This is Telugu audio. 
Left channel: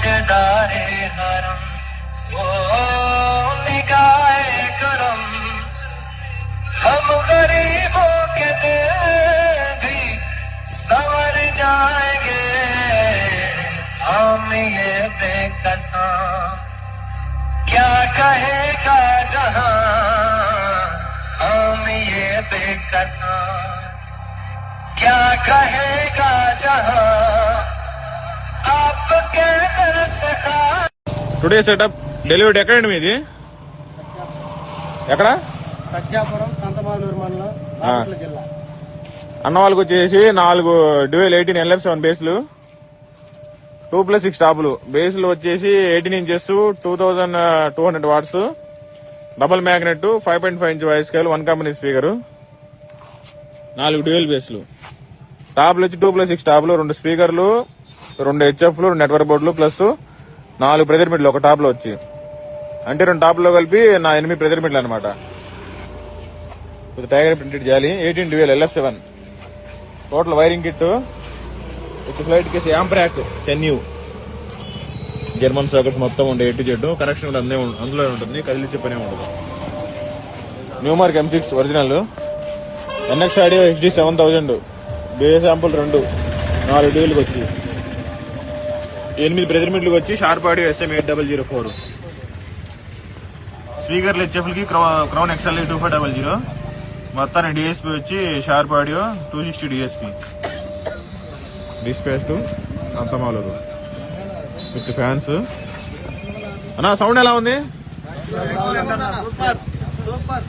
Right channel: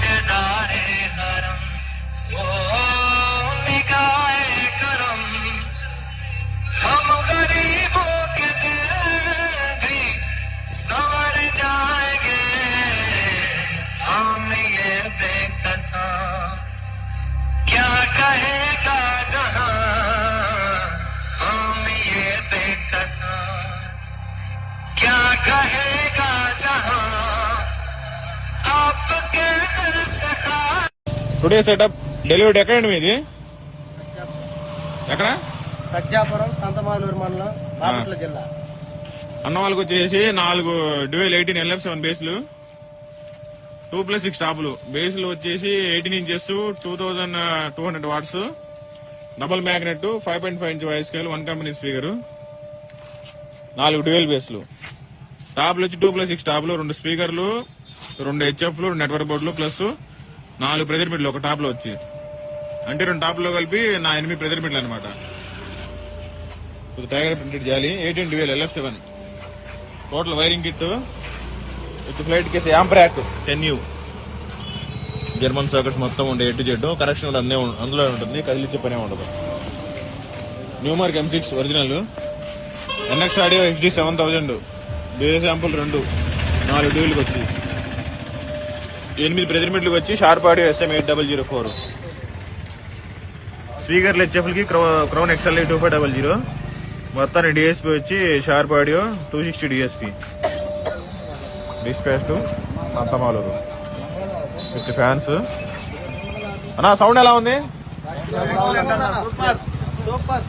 ताजदारे हरम वो निगाहे करम हम गरीबों के दिल भी संवर जाएंगे हम ये बेकसा क्या कहेगा जहां हम ये बेकसा क्या कहेगा जहां आपके दर से టుడే సెటప్ డెలివరీ ఎక్కడండి మీది? ఎక్కడ? సజ్జాపురం సంతమాలూరు మండలం బాపట్ల జిల్లా. అన్న వాళ్ళకి వచ్చేసి 4 డ్యూయల్ 18 LF7 బేస్లు 2+6 టాపులు. బేస్లు వచ్చేసి 18 inches 2200 watts double magnet 5.5 inch voice scale 1 company speaker 4 dual బేస్లు. టాప్లు వచ్చి 2+6 టాపులు 2 స్పీకర్లు 2 హెచ్ఎఫ్లు 2 నెట్వర్క్ బోర్డులు ప్లస్ 4 ప్రెజర్ మిడ్లు ఒక టాప్ లో వచ్చి అంటే 2 టాప్లో కలిపి 8 ప్రెజర్ మిడ్లు అనమాట. టైగర్ ప్రింటెడ్ చేయాలి 18 dual LF7 total wiring kit with flight case amp rack 10U German circuits మొత్తం ఉండే ఎటు చెట్టు కనెక్షన్ కూడా అందులో ఉంటుంది. కదిలిచ్చే పనే ఉండదు. Newmark M6 original NX audio HD 7000 base sample 2 4 డ్యూయల్కి వచ్చి 8 ప్రెజర్ మిడ్లకు వచ్చి షార్ప్ ఆడియో SM 8004 స్పీకర్లు హెచ్ఎఫ్కి క్రౌన్ XLA 2500 మొత్తాన్ని డిఎస్పీ వచ్చి షార్ప్ ఆడియో 260 డిఎస్పీ డిస్ప్లేస్ అంతమాలు విత్ ఫ్యాన్స్. అన్నా సౌండ్ ఎలా ఉంది? సూపర్.